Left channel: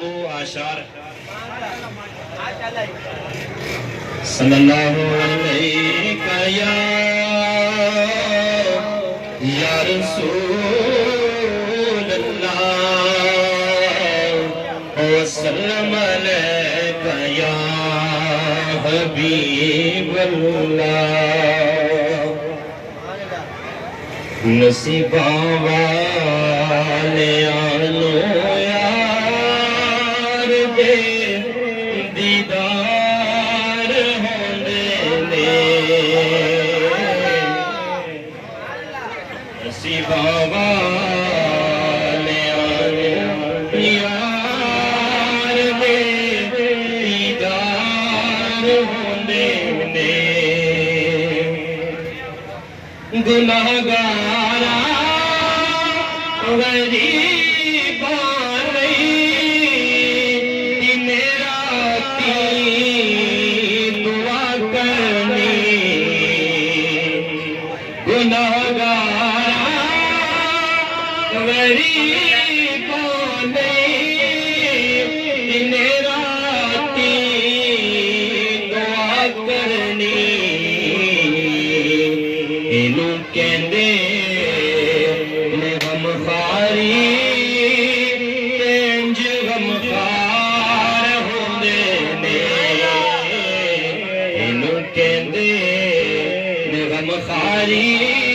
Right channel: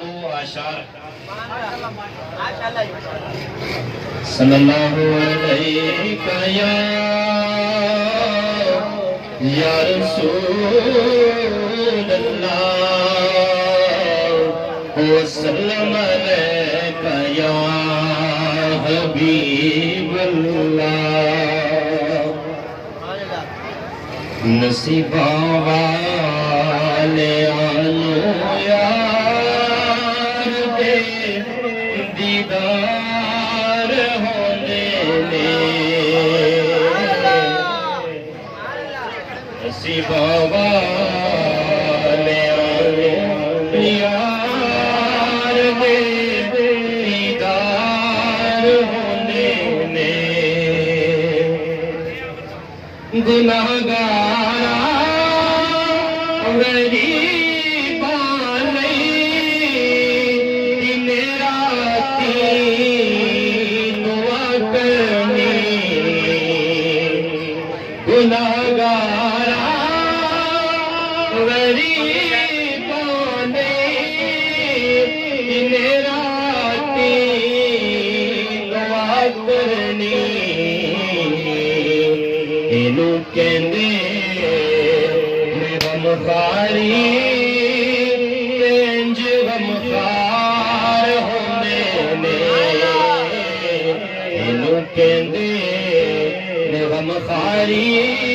دو آشار صلی اللہ علیہ یا رسول اللہ وسلم علیکہ یا حبیب اللہ نصیباں والے آنو یار دے دیدار ہوندے نے نصیباں والے آنو یار دے دیدار ہوندے نے گناہگار غریباں لئی دن راتی دعا کرنی گناہگار غریباں لئی دن راتی دعا کرنی اینو کہندے غمخاری انج غمخار ہوندے نے اینو کہندے غمخاری